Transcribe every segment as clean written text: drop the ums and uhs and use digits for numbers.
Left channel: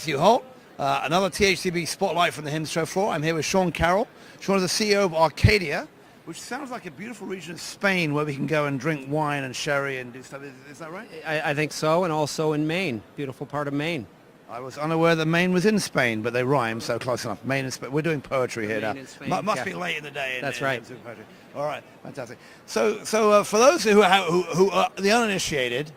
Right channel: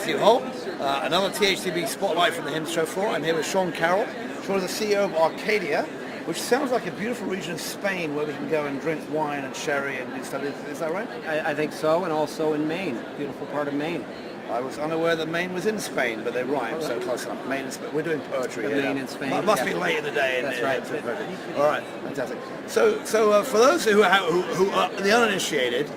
Matthew Holt, another THCB Spotlight from the HIMSS show floor. I'm here with Sean Carroll. Sean is the CEO of Arcadia, which sounds like a beautiful region of Spain where we can go and drink wine and sherry and do stuff. Is that right? I think so, and also in Maine, beautiful part of Maine. I was unaware that Maine was in Spain, but they rhyme, so close enough. Maine and Spain. We're doing poetry here Maine now. and Spain, Must be late in the day. That's right. All right, fantastic. So for those who are the uninitiated,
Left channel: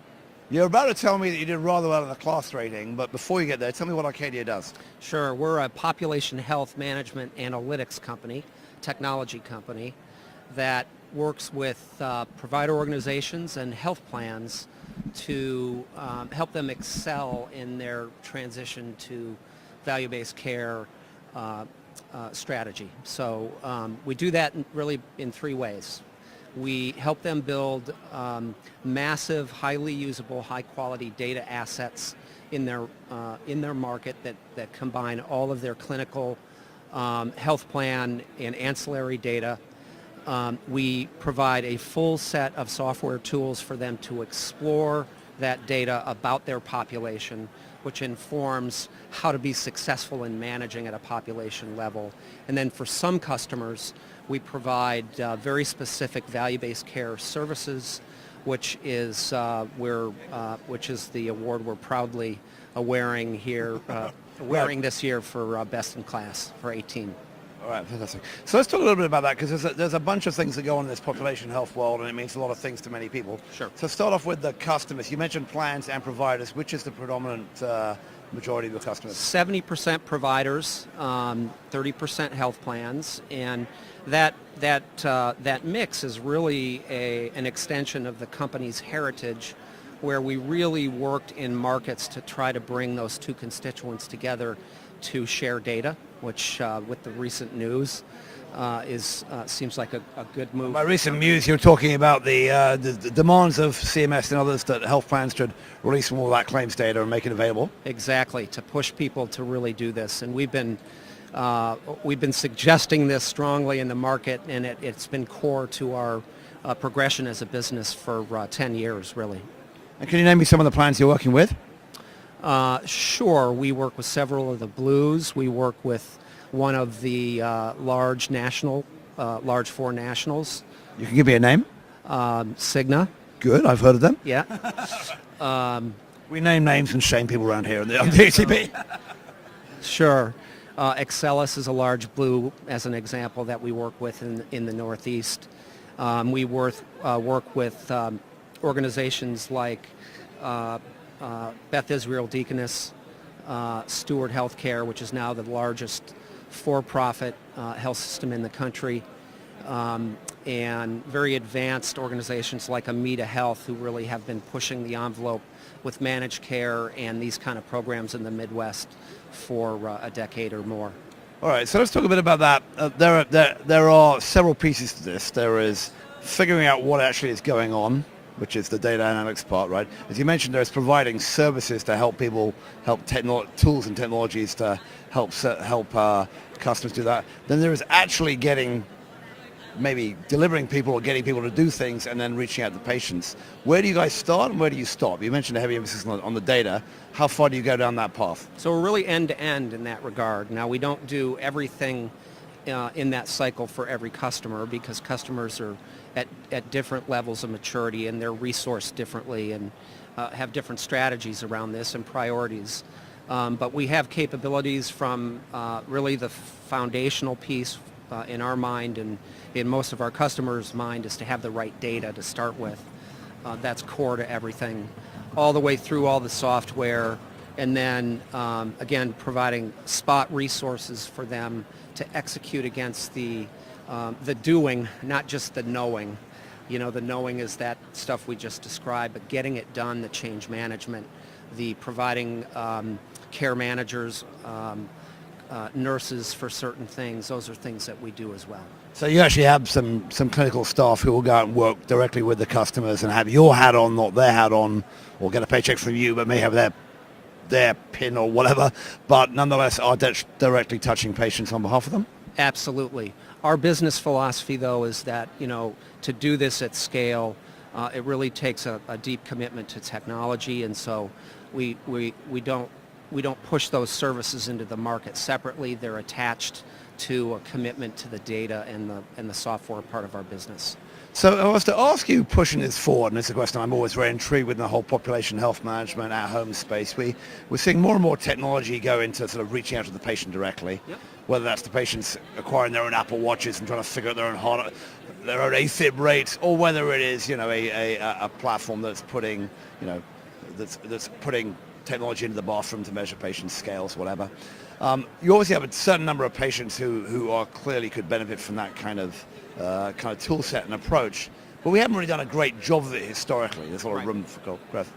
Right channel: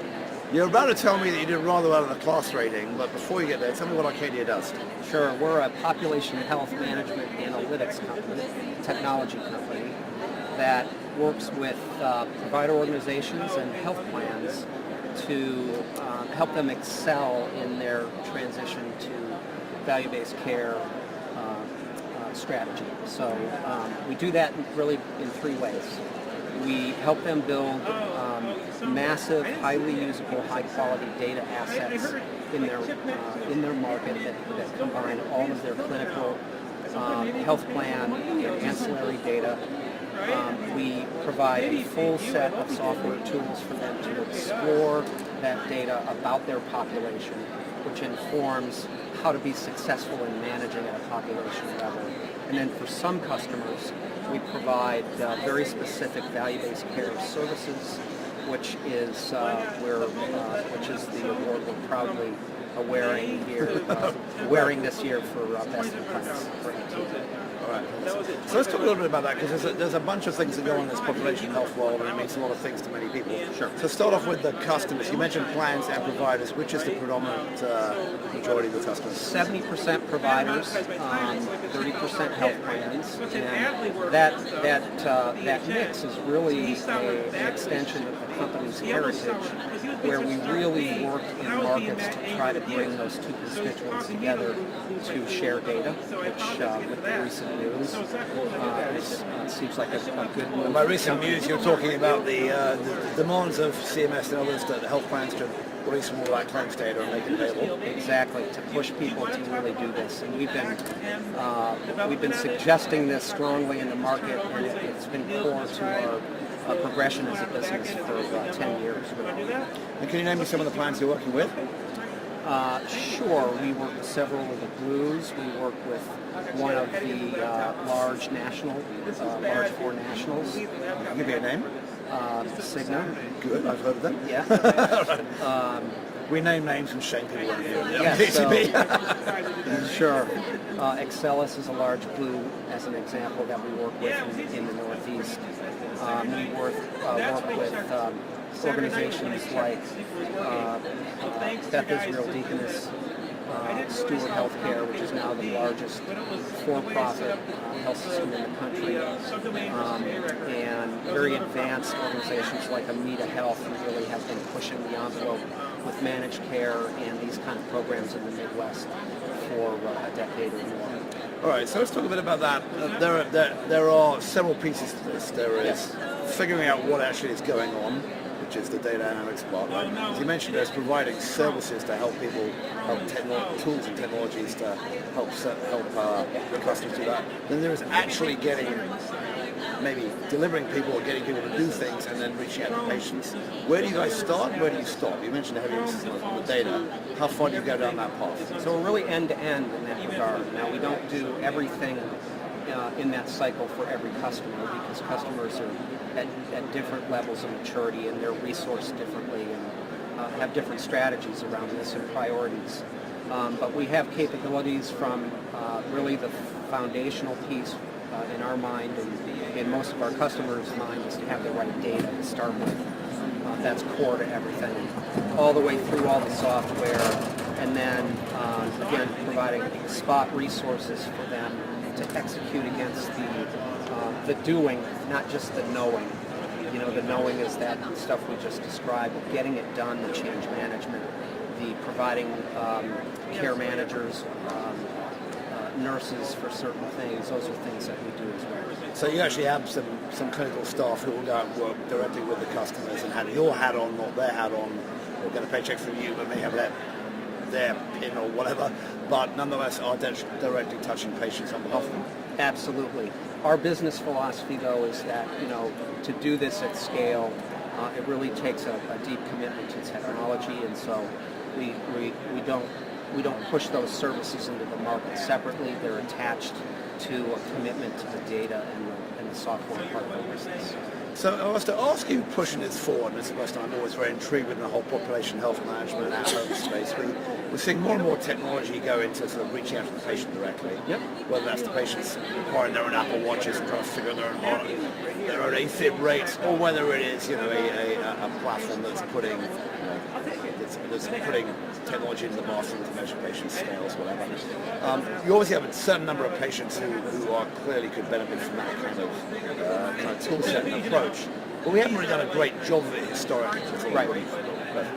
you're about to tell me that you did rather well in the class rating, but before you get there, tell me what Arcadia does. Sure, we're a population health management analytics company, technology company, that works with provider organizations and health plans to help them excel in their transition to value-based care strategy. So we do that really in three ways. We help them build massive, highly usable, high-quality data assets in their market that combine all of their clinical, health plan, and ancillary data. We provide a full set of software tools for them to explore that data about their population, which informs how to be successful in managing at a population level. And then for some customers, we provide very specific value-based care services, which is the award we're proudly wearing this year for Best in Class for 18. All right, so let's talk a little bit about that, because there's a bunch of things that go on in this population health world, and it means a lot of things to many people. Sure. So start off with the customers. You mentioned plans and providers. Which is the predominant majority of the customers? 70% providers, 30% health plans, and that mix is really an extension of the company's heritage, where we really worked in markets to try to bring those two constituents together to share data, which with the recent news seems like a good move. By recent news, you're talking about the demands of CMS and others that health plans should release more of that claims data and make it available. Exactly, to push people to really do this, and we've been suggesting this strongly in the market, and it's been core to our progression as a business for 10 years, really. And can you name me some of the plans you're working with? Sure, we work with several of the Blues. We work with one of the large four nationals. You can give me a name? Cigna. Good, I've heard of them. Yeah. We name names and shame people around here on THCB. Sure. Excellus is a large Blue, as an example, that we work with in the Northeast. We work with organizations like Beth Israel Deaconess, Steward Healthcare, which is now the largest for-profit health system in the country, and very advanced organizations like Amita Health, who really have been pushing the envelope with managed care and these kind of programs in the Midwest for a decade or more. All right, so let's talk a bit about that. There are several pieces to this. There is figuring out what actually is going on, which is the data analytics part, right? As you mentioned, there's providing services to help people, tools and technologies to help customers do that. Then there is actually maybe delivering people or getting people to do things and then reaching out to patients. Where do you guys start and where do you stop? You mentioned a heavy emphasis on the data. How far do you go down that path? So we're really end-to-end in that regard. Now, we don't do everything in that cycle for every customer, because customers are at different levels of maturity and they're resourced differently and have different strategies around this and priorities. But we have capabilities from really the foundational piece in our mind and in most of our customers' mind is to have the right data to start with. That's core to everything, all the way through all the software, and then again providing spot resources for them to execute against the doing, not just the knowing. You know, the knowing is that stuff we just described, but getting it done, the change management, the providing care managers, nurses for certain things, those are things that we do as well. So you actually have some clinical staff who will go out and work directly with the customers and have your hat on, not their hat on, or get a paycheck from you, but may have their pin or whatever, but nonetheless are directly touching patients on behalf of them? Absolutely. Our business philosophy, though, is that, to do this at scale, it really takes a deep commitment to technology, and so we push those services into the market separately. They're attached to a commitment to the data and the software part of our business. So I was to ask you, pushing this forward, and it's a question I'm always very intrigued with, the whole population health management, at-home space. We're seeing more and more technology go into sort of reaching out to the patient directly, Yep. whether that's the patients acquiring their own Apple Watches and trying to figure out their own AFib rates, or whether it is, a platform that's putting, that's putting technology into the bathroom to measure patients' scales, whatever. You obviously have a certain number of patients who are clearly could benefit from that kind of tool set and approach, but we haven't really done a great job of it historically. There's a lot of room for growth.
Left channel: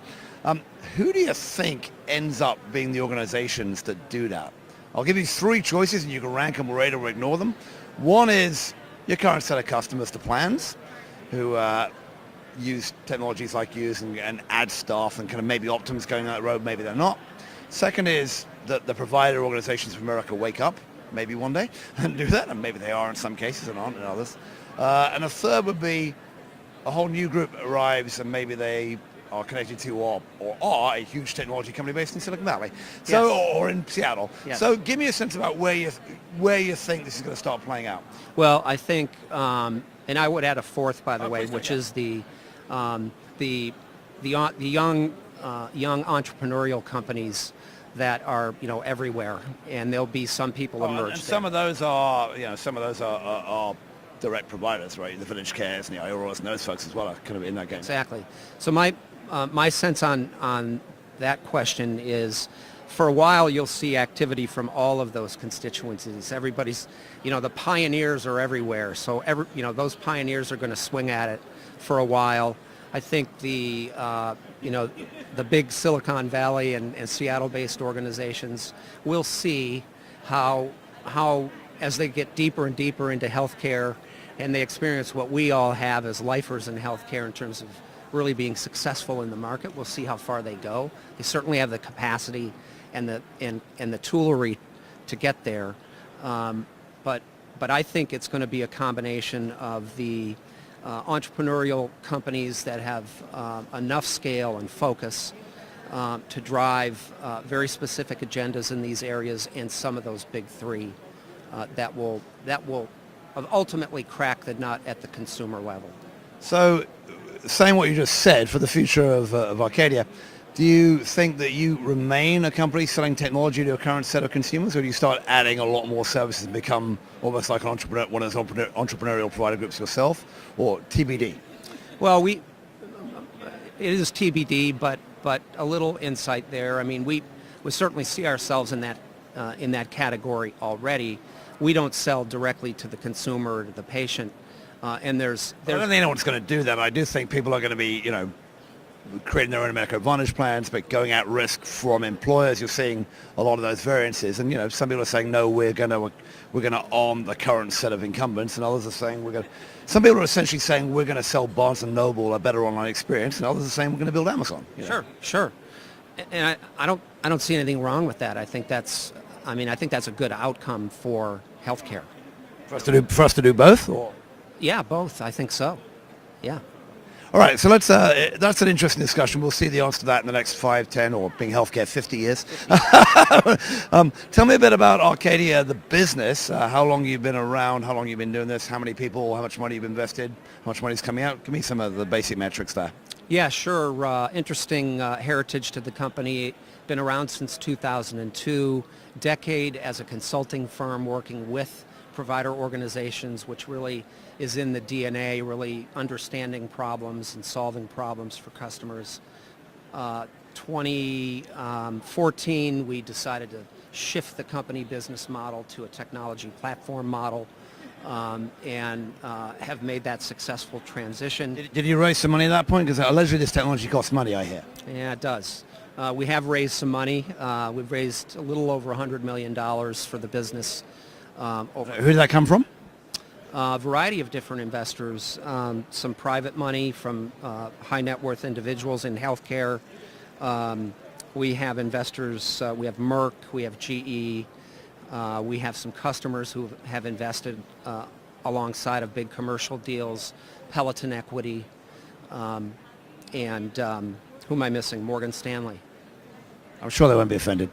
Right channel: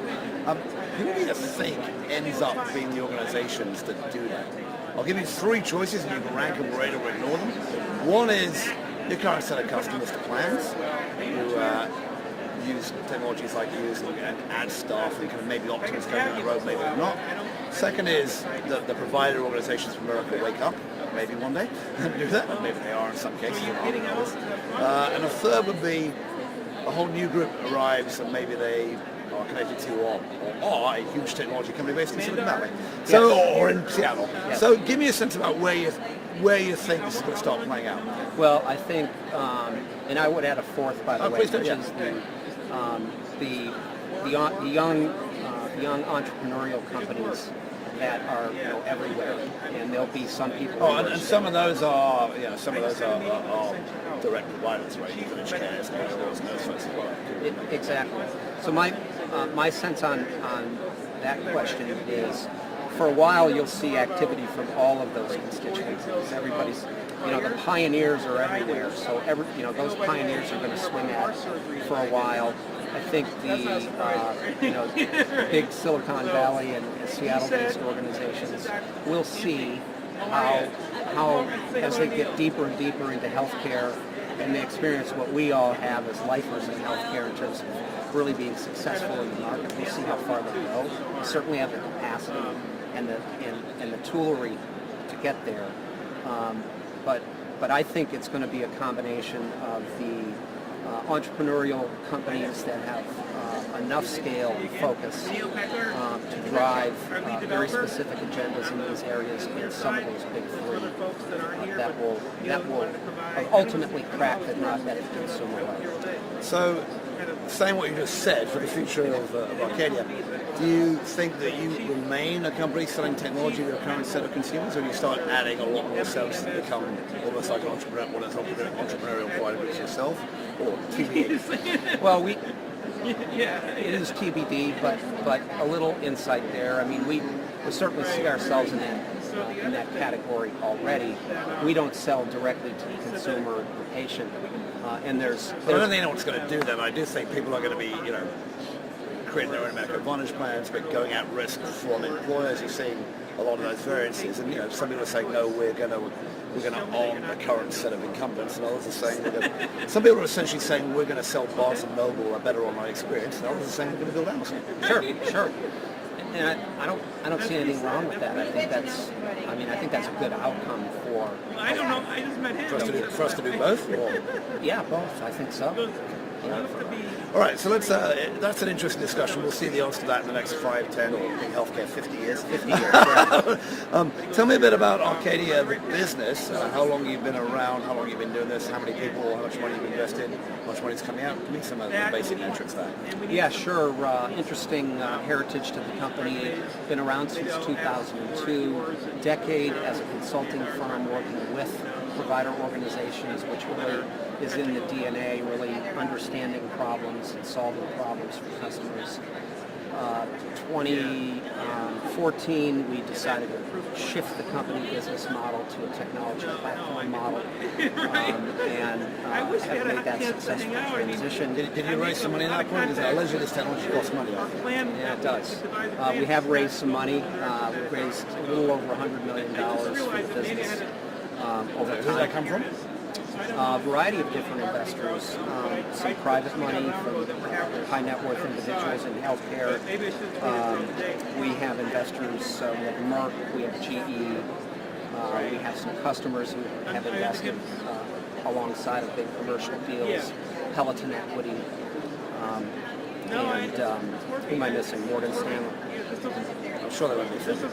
Who do you think ends up being the organizations that do that? I'll give you three choices and you can rank them, rate or ignore them. One is your current set of customers to plans who use technologies like yours and add staff, and kind of maybe Optum's going that road, maybe they're not. Second is that the provider organizations from America wake up, maybe one day, and do that, and maybe they are in some cases and aren't in others. And a third would be a whole new group arrives and maybe they are connected to or are a huge technology company based in Silicon Valley, or in Seattle. Yes. So give me a sense about where you think this is going to start playing out. Well, I think, and I would add a fourth, by the way, which is the young entrepreneurial companies that are everywhere, and there'll be some people. And some of those are direct providers, right? The village cares, and everyone knows folks as well. Exactly. So my sense on that question is, for a while you'll see activity from all of those constituencies. Everybody's, the pioneers are everywhere. So those pioneers are going to swing at it for a while. I think the big Silicon Valley and Seattle-based organizations will see how as they get deeper and deeper into healthcare and they experience what we all have as lifers in healthcare in terms of really being successful in the market, we'll see how far they go. They certainly have the capacity and the toolery to get there. But I think it's going to be a combination of the entrepreneurial companies that have enough scale and focus to drive very specific agendas in these areas, and some of those big three that will ultimately crack the nut at the consumer level. So, saying what you just said for the future of Arcadia, do you think that you remain a company selling technology to a current set of consumers, or do you start adding a lot more services and become almost like an entrepreneur, one of those entrepreneurial provider groups yourself, or TBD? Well, it is TBD, but a little insight there. I mean, we certainly see ourselves in that category already. We don't sell directly to the consumer or the patient, and there's I don't think anyone's going to do that. I do think people are going to be, creating their own Medicare Advantage plans, but going at risk from employers. You're seeing a lot of those variances, and some people are saying no, we're going to arm the current set of incumbents, and others are saying some people are essentially saying we're going to sell Barnes and Noble a better online experience, and others are saying we're going to build Amazon. Sure. And I don't see anything wrong with that. I think that's a good outcome for healthcare. For us to do both? Yeah, both. I think so. Yeah. All right, so let's. That's an interesting discussion. We'll see the answer to that in the next 5, 10, or being healthcare 50 years. Tell me a bit about Arcadia, the business. How long you've been around? How long you've been doing this? How many people? How much money you've invested? How much money's coming out? Give me some of the basic metrics there. Yeah, sure. Interesting heritage to the company. Been around since 2002. Decade as a consulting firm working with provider organizations, which really is in the DNA, really understanding problems and solving problems for customers. 2014, we decided to shift the company business model to a technology platform model, and have made that successful transition. Did you raise some money at that point? Because allegedly this technology costs money, I hear. Yeah, it does. We have raised some money. We've raised a little over $100 million for the business. Who did that come from? A variety of different investors, some private money from high net worth individuals in healthcare. We have investors, we have Merck, we have GE, we have some customers who have invested alongside of big commercial deals, Peloton Equity, and who am I missing? Morgan Stanley. I'm sure they won't be offended.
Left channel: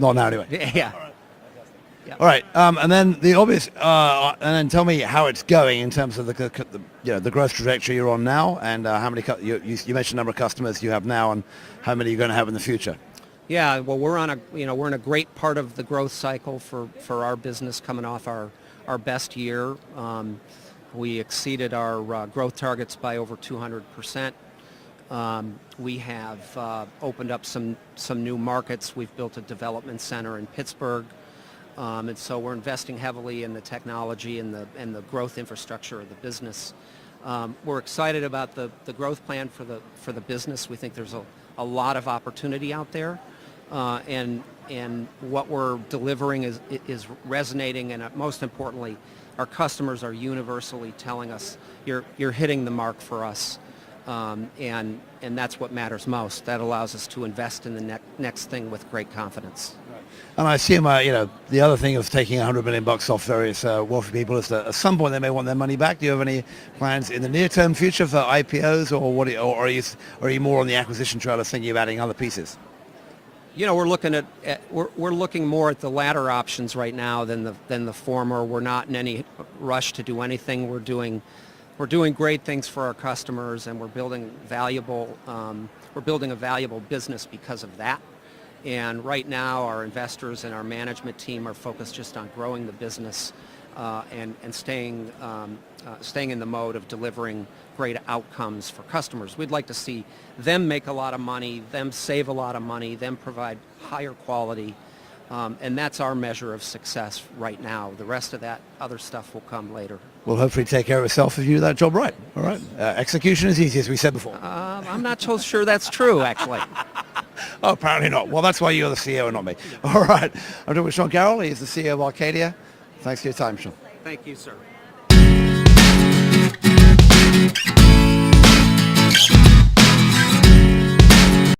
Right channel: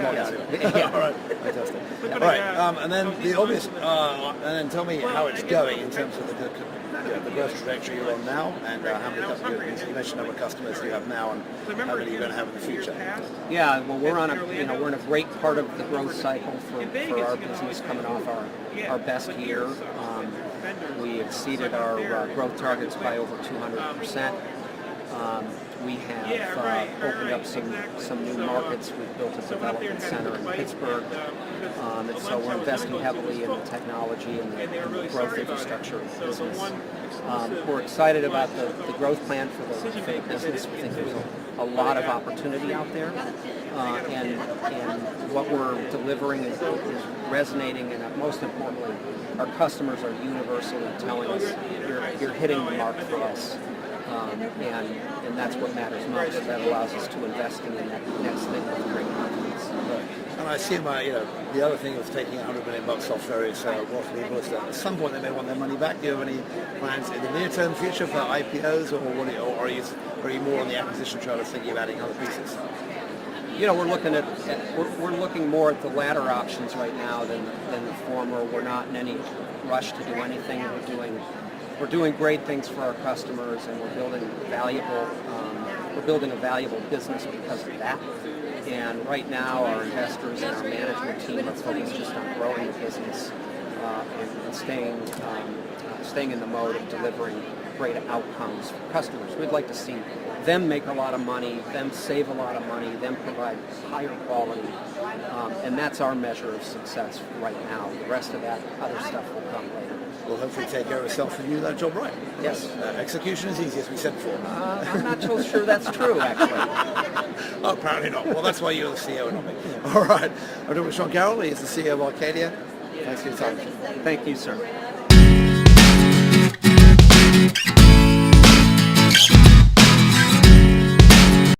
Not now anyway. Yeah. All right. Fantastic. All right, and then the obvious, and then tell me how it's going in terms of the growth trajectory you're on now, and how many you mentioned the number of customers you have now, and how many you're going to have in the future. Yeah, well, we're in a great part of the growth cycle for our business, coming off our best year. We exceeded our growth targets by over 200%. We have opened up some new markets. We've built a development center in Pittsburgh, and so we're investing heavily in the technology and the growth infrastructure of the business. We're excited about the growth plan for the business. We think there's a lot of opportunity out there, and what we're delivering is resonating, and most importantly, our customers are universally telling us you're hitting the mark for us. And that's what matters most. That allows us to invest in the next thing with great confidence. And I assume, the other thing of taking $100 million off various wealthy people is that at some point they may want their money back. Do you have any plans in the near-term future for IPOs, or are you more on the acquisition trail of thinking of adding other pieces? We're looking more at the latter options right now than the former. We're not in any rush to do anything. We're doing great things for our customers, and we're building a valuable business because of that. And right now, our investors and our management team are focused just on growing the business and staying in the mode of delivering great outcomes for customers. We'd like to see them make a lot of money, them save a lot of money, them provide higher quality. And that's our measure of success right now. The rest of that other stuff will come later. Well, hopefully take care of yourself if you do that job right. All yes. Right. Execution is easy, as we said before. I'm not so sure that's true, actually. Oh, apparently not. Well, that's why you're the CEO and not me. All right. I'm talking with Sean Carroll. He's the CEO of Arcadia. Thanks for your time, Sean. Thank you, sir.